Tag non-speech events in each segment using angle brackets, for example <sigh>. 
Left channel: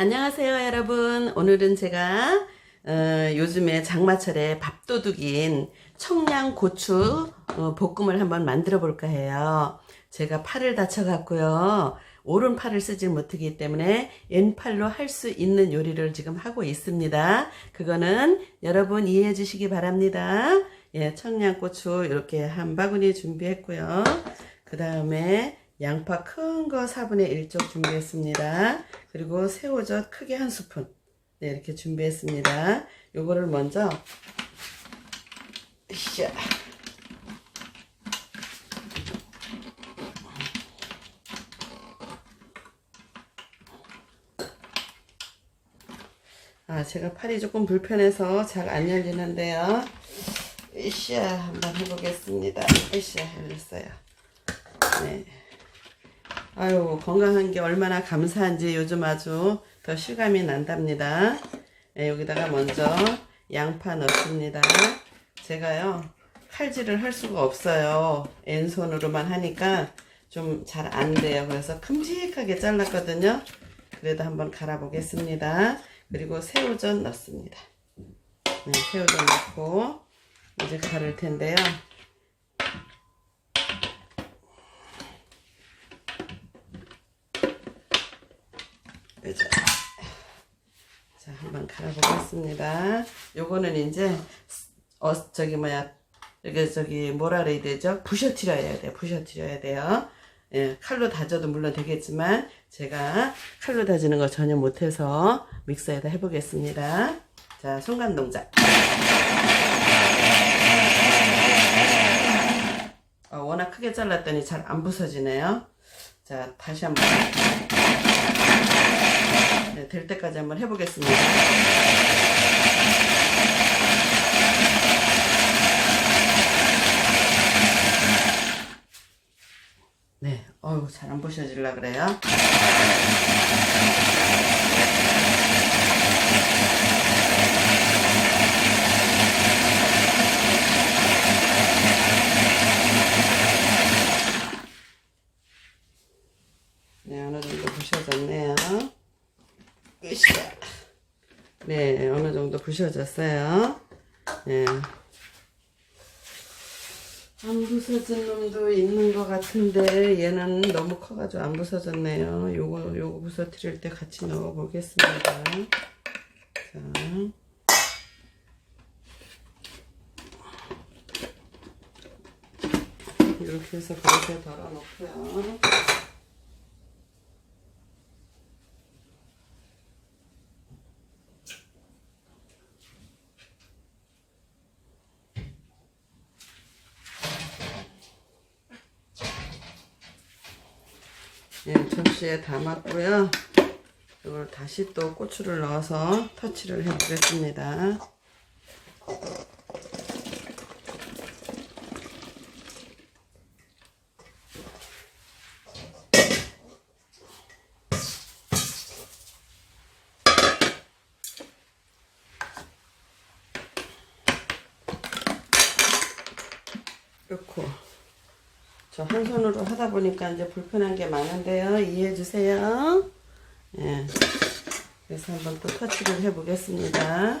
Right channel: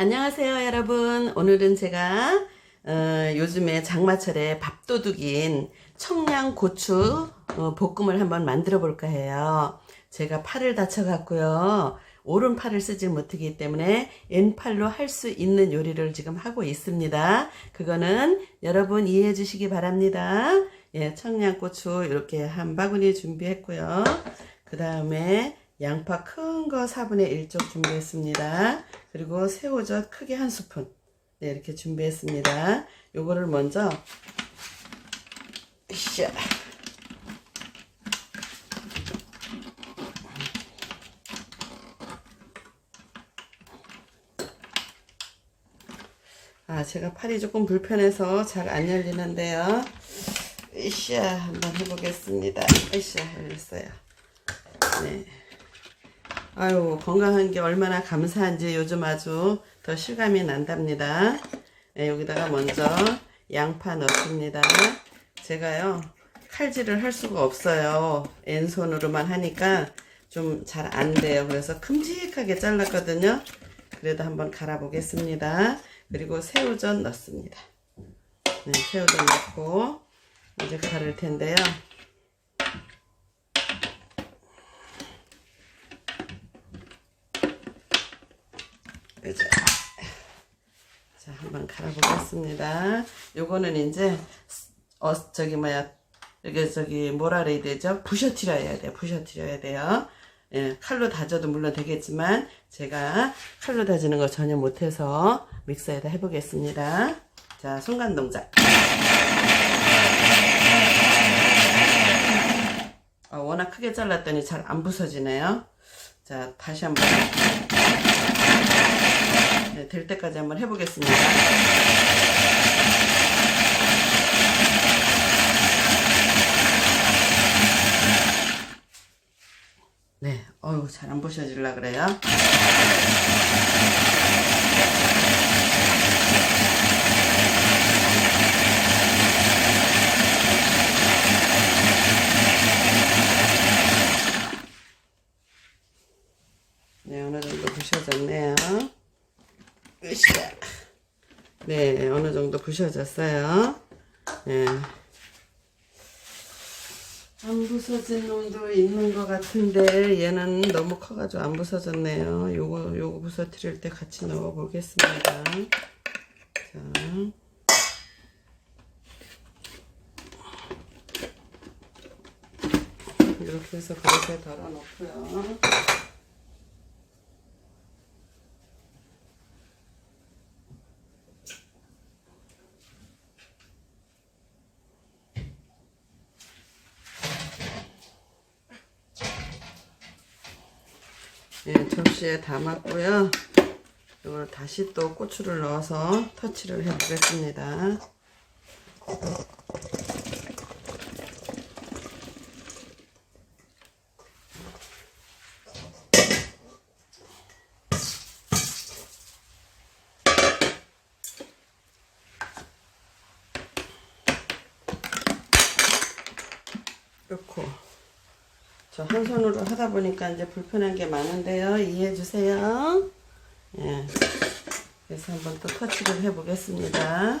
안녕하세요, 여러분. 오늘은 제가 어, 요즘에 장마철에 밥도둑인 청양고추 어, 볶음을 한번 만들어 볼까 해요. 제가 팔을 다쳐갖고요. 오른 팔을 쓰질 못하기 때문에 왼팔로 할 수 있는 요리를 지금 하고 있습니다. 그거는 여러분 이해해 주시기 바랍니다. 예, 청양고추 이렇게 한 바구니 준비했고요. 그 다음에 양파 큰 거 4분의 1쪽 준비했습니다. 그리고 새우젓 크게 한 스푼. 네, 이렇게 준비했습니다. 요거를 먼저, 샤. 아, 제가 팔이 조금 불편해서 잘 안 열리는데요. 으쌰, 한번 해보겠습니다. 으쌰, 열렸어요. 네. 아유, 건강한 게 얼마나 감사한지 요즘 아주 더 실감이 난답니다. 네, 여기다가 먼저 양파 넣습니다. 제가요, 칼질을 할 수가 없어요. 왼손으로만 하니까 좀 잘 안 돼요. 그래서 큼직하게 잘랐거든요. 그래도 한번 갈아 보겠습니다. 그리고 새우젓 넣습니다. 네, 새우젓 넣고 이제 갈을 텐데요. 이제 자 한번 갈아보겠습니다. 요거는 이제 어 저기 뭐야 이게 저기 뭐라 그래야 되죠? 부셔뜨려야 돼요. 부셔뜨려야 돼요. 예, 칼로 다져도 물론 되겠지만 제가 칼로 다지는 거 전혀 못해서 믹서에다 해보겠습니다. 자 손간 동작. 어, 워낙 크게 잘랐더니 잘 안 부서지네요. 자 다시 한번 네, 될 때까지 한번 해보겠습니다. 네, 어우 잘안 부셔질라 그래요. 네, 어느 정도 부셔졌네요. 으쌰. 네, 어느 정도 부셔졌어요. 네. 안 부서진 놈도 있는 것 같은데 얘는 너무 커가지고 안 부서졌네요. 요거 요거 부서뜨릴 때 같이 넣어 보겠습니다. 자. 이렇게 해서 그릇에 덜어 놓고요. 예, 접시에 담았고요. 이걸 다시 또 고추를 넣어서 터치를 해 보겠습니다. 넣고 저 한 손으로 하다 보니까 이제 불편한 게 많은데요. 이해해 주세요. 예. 그래서 한번 또 터치를 해 보겠습니다.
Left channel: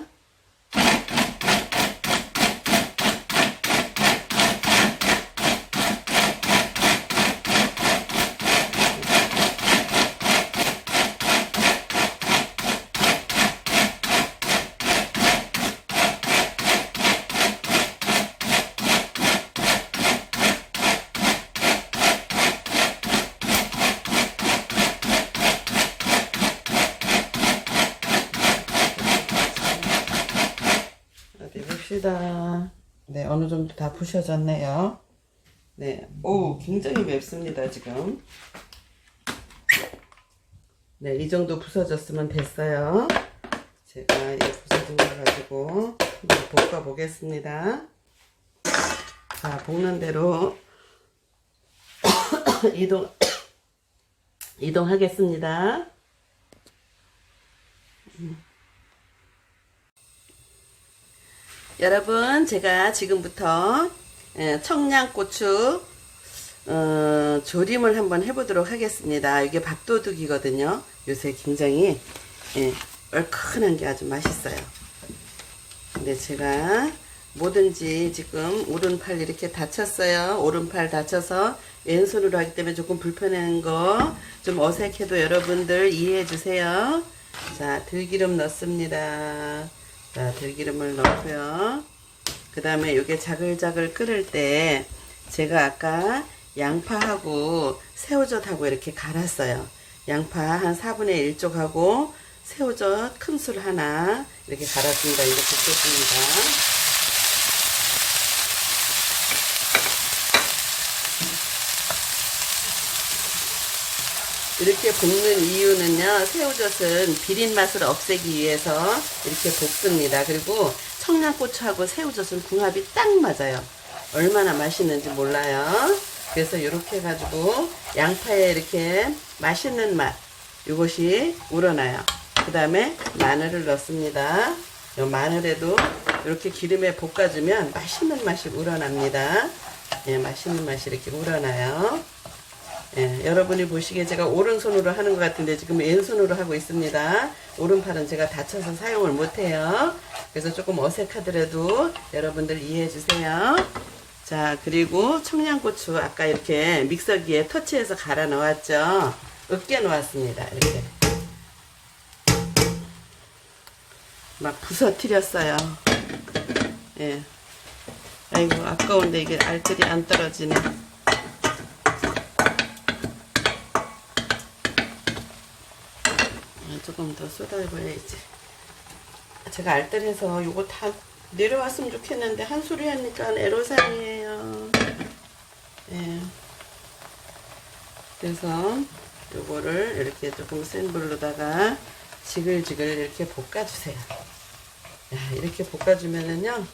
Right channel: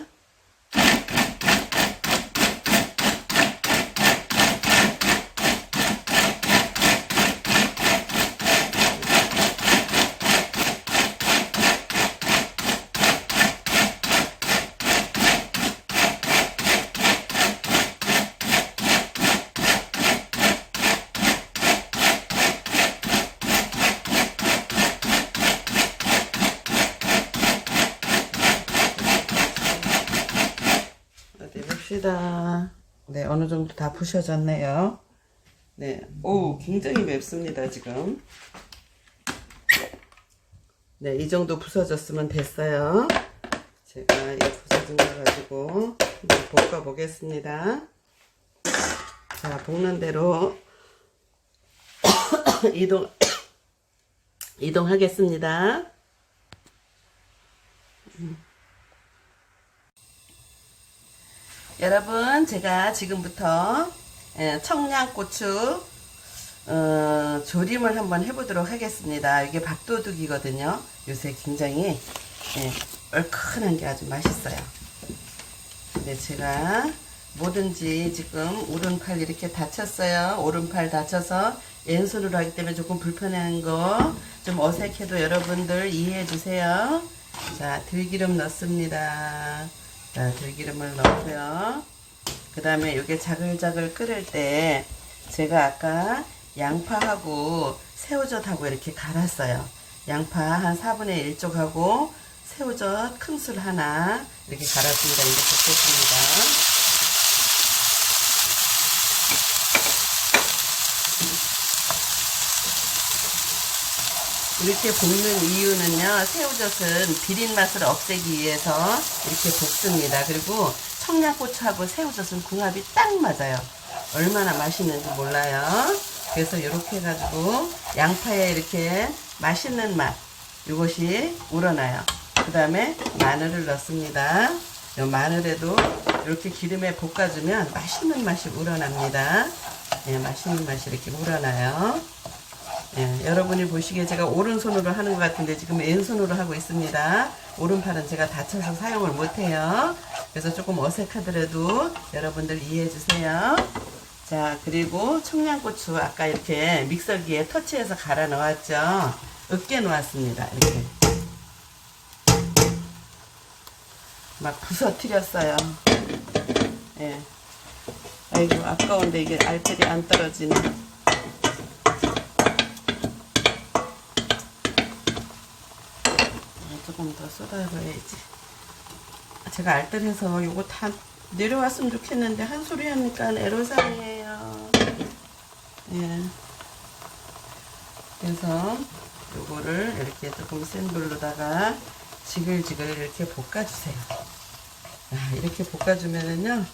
봅시다. 네, 어느 정도 다 부셔졌네요. 네, 오, 굉장히 맵습니다, 지금. 네, 이 정도 부서졌으면 됐어요. 제가 이 부서진 거 가지고 한번 볶아 보겠습니다. 자, 볶는 대로 <coughs> 이동, <coughs> 이동하겠습니다. 여러분 제가 지금부터 예, 청양고추 어, 조림을 한번 해보도록 하겠습니다. 이게 밥도둑이거든요. 요새 굉장히 예, 얼큰한 게 아주 맛있어요. 근데 제가 뭐든지 지금 오른팔 이렇게 다쳤어요. 오른팔 다쳐서 왼손으로 하기 때문에 조금 불편한 거 좀 어색해도 여러분들 이해해 주세요. 자, 들기름 넣습니다. 자, 들기름을 넣고요. 그 다음에 이게 자글자글 끓을 때 제가 아까 양파하고 새우젓하고 이렇게 갈았어요. 양파 한 4분의 1쪽하고 새우젓 큰 술 하나 이렇게 갈았습니다. 이거 볶겠습니다. 이렇게 볶는 이유는요, 새우젓은 비린 맛을 없애기 위해서 이렇게 볶습니다. 그리고 청양고추하고 새우젓은 궁합이 딱 맞아요. 얼마나 맛있는지 몰라요. 그래서 이렇게 해가지고 양파에 이렇게 맛있는 맛, 이것이 우러나요. 그 다음에 마늘을 넣습니다. 이 마늘에도 이렇게 기름에 볶아주면 맛있는 맛이 우러납니다. 예, 맛있는 맛이 이렇게 우러나요. 예, 여러분이 보시기에 제가 오른손으로 하는 것 같은데 지금 왼손으로 하고 있습니다. 오른팔은 제가 다쳐서 사용을 못해요. 그래서 조금 어색하더라도 여러분들 이해해 주세요. 자, 그리고 청양고추 아까 이렇게 믹서기에 터치해서 갈아 넣었죠. 으깨 놓았습니다. 이렇게. 막 부서뜨렸어요. 예. 아이고, 아까운데 이게 알뜰이 안 떨어지네. 조금 더 쏟아봐야지. 제가 알뜰해서 요거 다 내려왔으면 좋겠는데 한 소리 하니까 애로사항이에요. 예. 그래서 요거를 이렇게 조금 센 불로다가 지글지글 이렇게 볶아주세요. 야, 이렇게 볶아주면은요,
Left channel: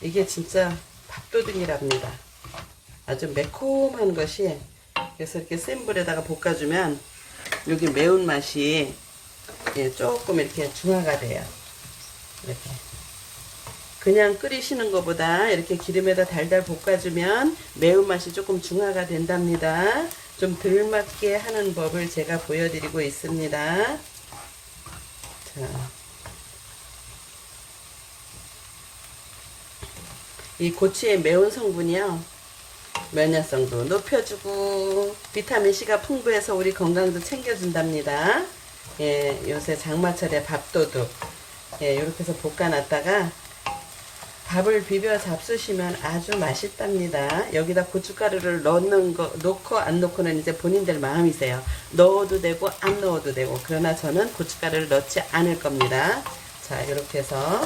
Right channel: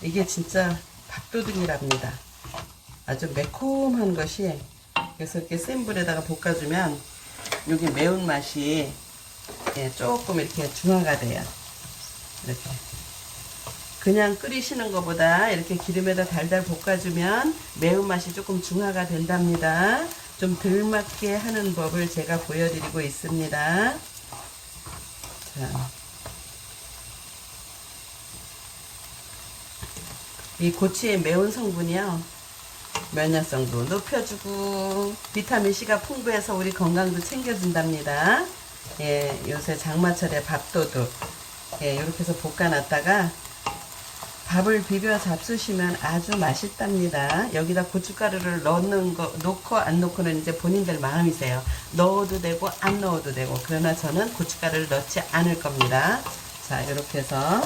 이게 진짜 밥도둑이랍니다. 아주 매콤한 것이, 그래서 이렇게 센 불에다가 볶아주면, 여기 매운맛이 예, 조금 이렇게 중화가 돼요. 이렇게. 그냥 끓이시는 것보다 이렇게 기름에다 달달 볶아주면 매운맛이 조금 중화가 된답니다. 좀 덜 맞게 하는 법을 제가 보여드리고 있습니다. 자. 이 고추의 매운 성분이요. 면역성도 높여주고 비타민C가 풍부해서 우리 건강도 챙겨준답니다. 예, 요새 장마철에 밥도둑 예, 이렇게 해서 볶아놨다가 밥을 비벼 잡수시면 아주 맛있답니다. 여기다 고춧가루를 넣는 거, 넣고 안 넣고는 이제 본인들 마음이세요. 넣어도 되고 안 넣어도 되고. 그러나 저는 고춧가루를 넣지 않을 겁니다. 자, 이렇게 해서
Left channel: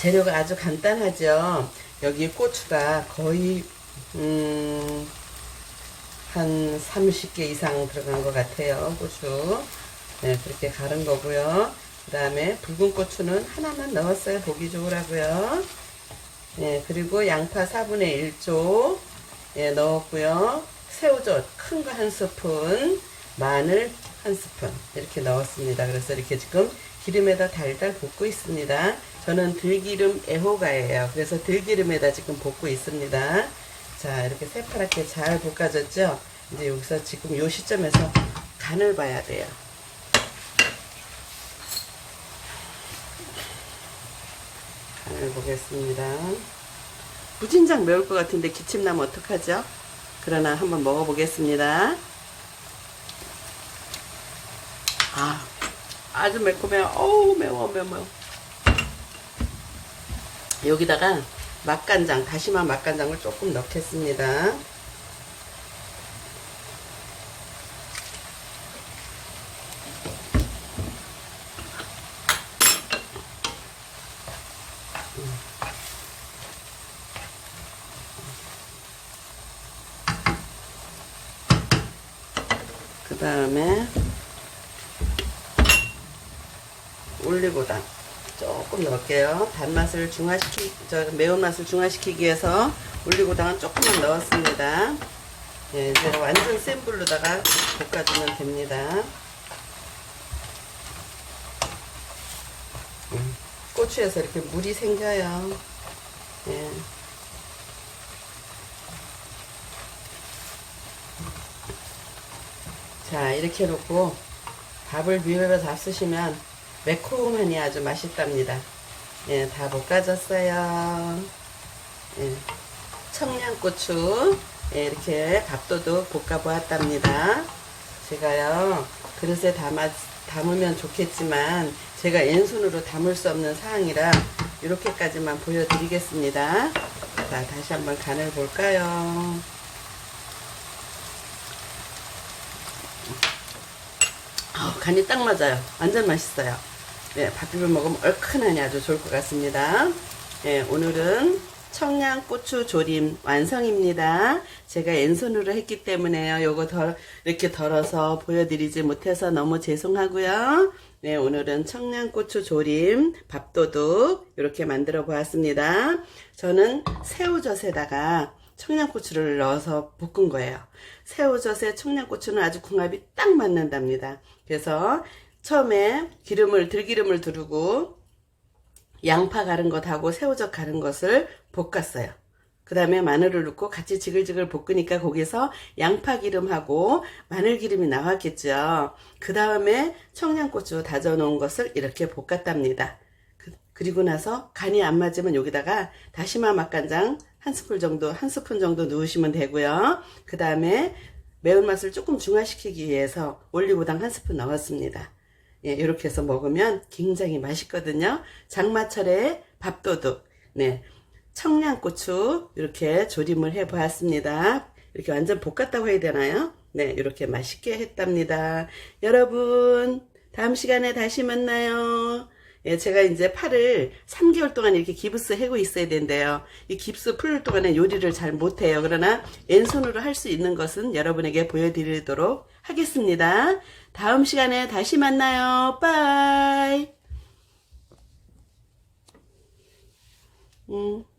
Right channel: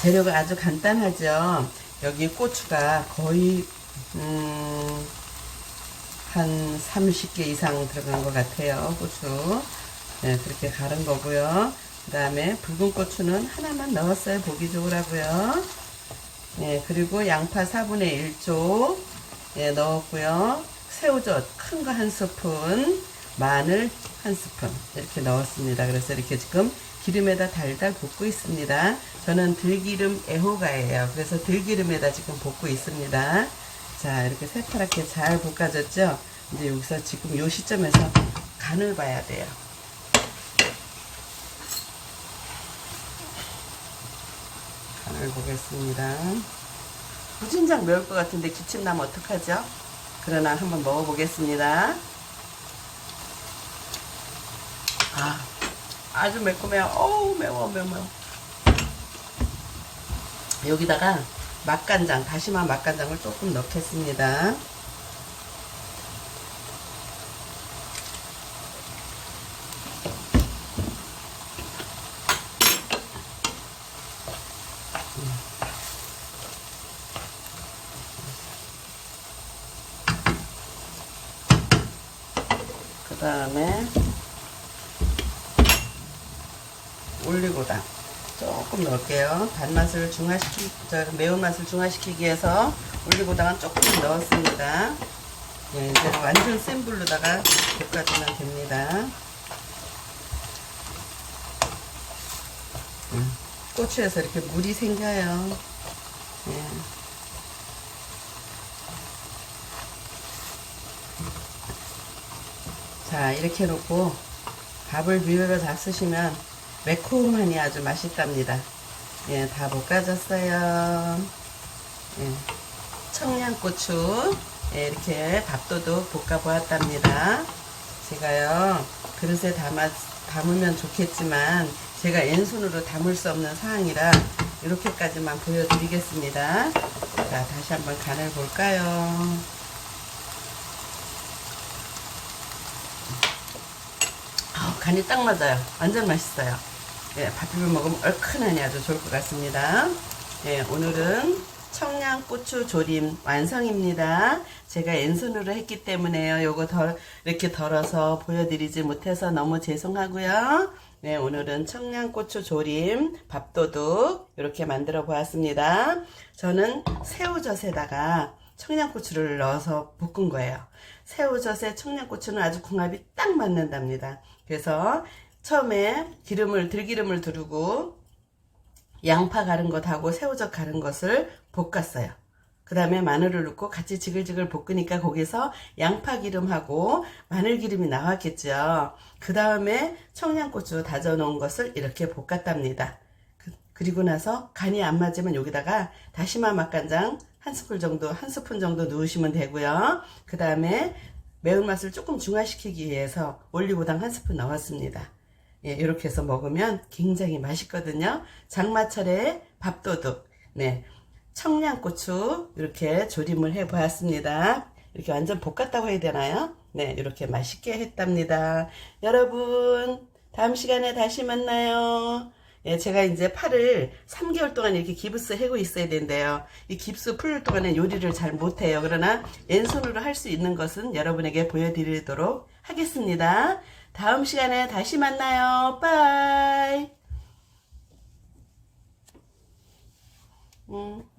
재료가 아주 간단하죠. 여기 고추가 거의 음, 한 30개 이상 들어간 것 같아요. 고추. 네, 그렇게 갈은 거고요. 그 다음에 붉은 고추는 하나만 넣었어요. 보기 좋으라고요. 예, 그리고 양파 4분의 1쪽 예, 넣었고요. 새우젓 큰 거 한 스푼, 마늘 한 스푼 이렇게 넣었습니다. 그래서 이렇게 지금 기름에다 달달 볶고 있습니다. 저는 들기름 애호가예요. 그래서 들기름에다 지금 볶고 있습니다. 자, 이렇게 새파랗게 잘 볶아졌죠? 이제 여기서 지금 요 시점에서 간을 봐야 돼요. 간을 보겠습니다. 무진장 매울 것 같은데 기침 나면 어떡하죠? 그러나 한번 먹어보겠습니다. 아, 아주 매콤해요. 어우, 매워, 매워. 여기다가 맛간장, 다시마 맛간장을 조금 넣겠습니다. 그 다음에 올리고당 조금 넣을게요. 단맛을 중화시키, 저 매운맛을 중화시키기 위해서 올리고당은 조금 넣었습니다. 예, 제가 완전 센 불로다가 볶아주면 됩니다. 음, 고추에서 이렇게 물이 생겨요. 예. 자, 이렇게 놓고 밥을 비벼서 잡수시면 매콤하니 아주 맛있답니다. 예, 다 볶아졌어요. 예, 청양고추 예, 이렇게 밥도둑 볶아보았답니다. 제가요 그릇에 담아, 담으면 좋겠지만 제가 왼손으로 담을 수 없는 상황이라 이렇게까지만 보여드리겠습니다. 자 다시 한번 간을 볼까요? 아, 간이 딱 맞아요. 완전 맛있어요. 네, 밥 비벼 먹으면 얼큰하니 아주 좋을 것 같습니다. 네, 오늘은 청양고추 조림 완성입니다. 제가 왼손으로 했기 때문에요. 요거 덜, 이렇게 덜어서 보여드리지 못해서 너무 죄송하고요. 네, 오늘은 청양고추 조림 밥도둑 이렇게 만들어 보았습니다. 저는 새우젓에다가 청양고추를 넣어서 볶은 거예요. 새우젓에 청양고추는 아주 궁합이 딱 맞는답니다. 그래서 처음에 기름을 들기름을 두르고 양파 가른 것하고 새우젓 가른 것을 볶았어요. 그 다음에 마늘을 넣고 같이 지글지글 볶으니까 거기서 양파 기름하고 마늘 기름이 나왔겠죠. 그 다음에 청양고추 다져 놓은 것을 이렇게 볶았답니다. 그, 그리고 나서 간이 안 맞으면 여기다가 다시마 맛간장 한 스푼 정도, 한 스푼 정도 넣으시면 되고요. 그 다음에 매운맛을 조금 중화시키기 위해서 올리고당 한 스푼 넣었습니다. 예, 이렇게 해서 먹으면 굉장히 맛있거든요. 장마철에 밥도둑, 네, 청양고추 이렇게 조림을 해 보았습니다. 이렇게 완전 볶았다고 해야 되나요? 네, 이렇게 맛있게 했답니다. 여러분, 다음 시간에 다시 만나요. 예, 제가 이제 팔을 3개월 동안 이렇게 기부스 해고 있어야 된대요. 이 깁스 풀 동안에 요리를 잘 못해요. 그러나 왼손으로 할 수 있는 것은 여러분에게 보여드리도록 하겠습니다. 다음 시간에 다시 만나요. 빠이. 음.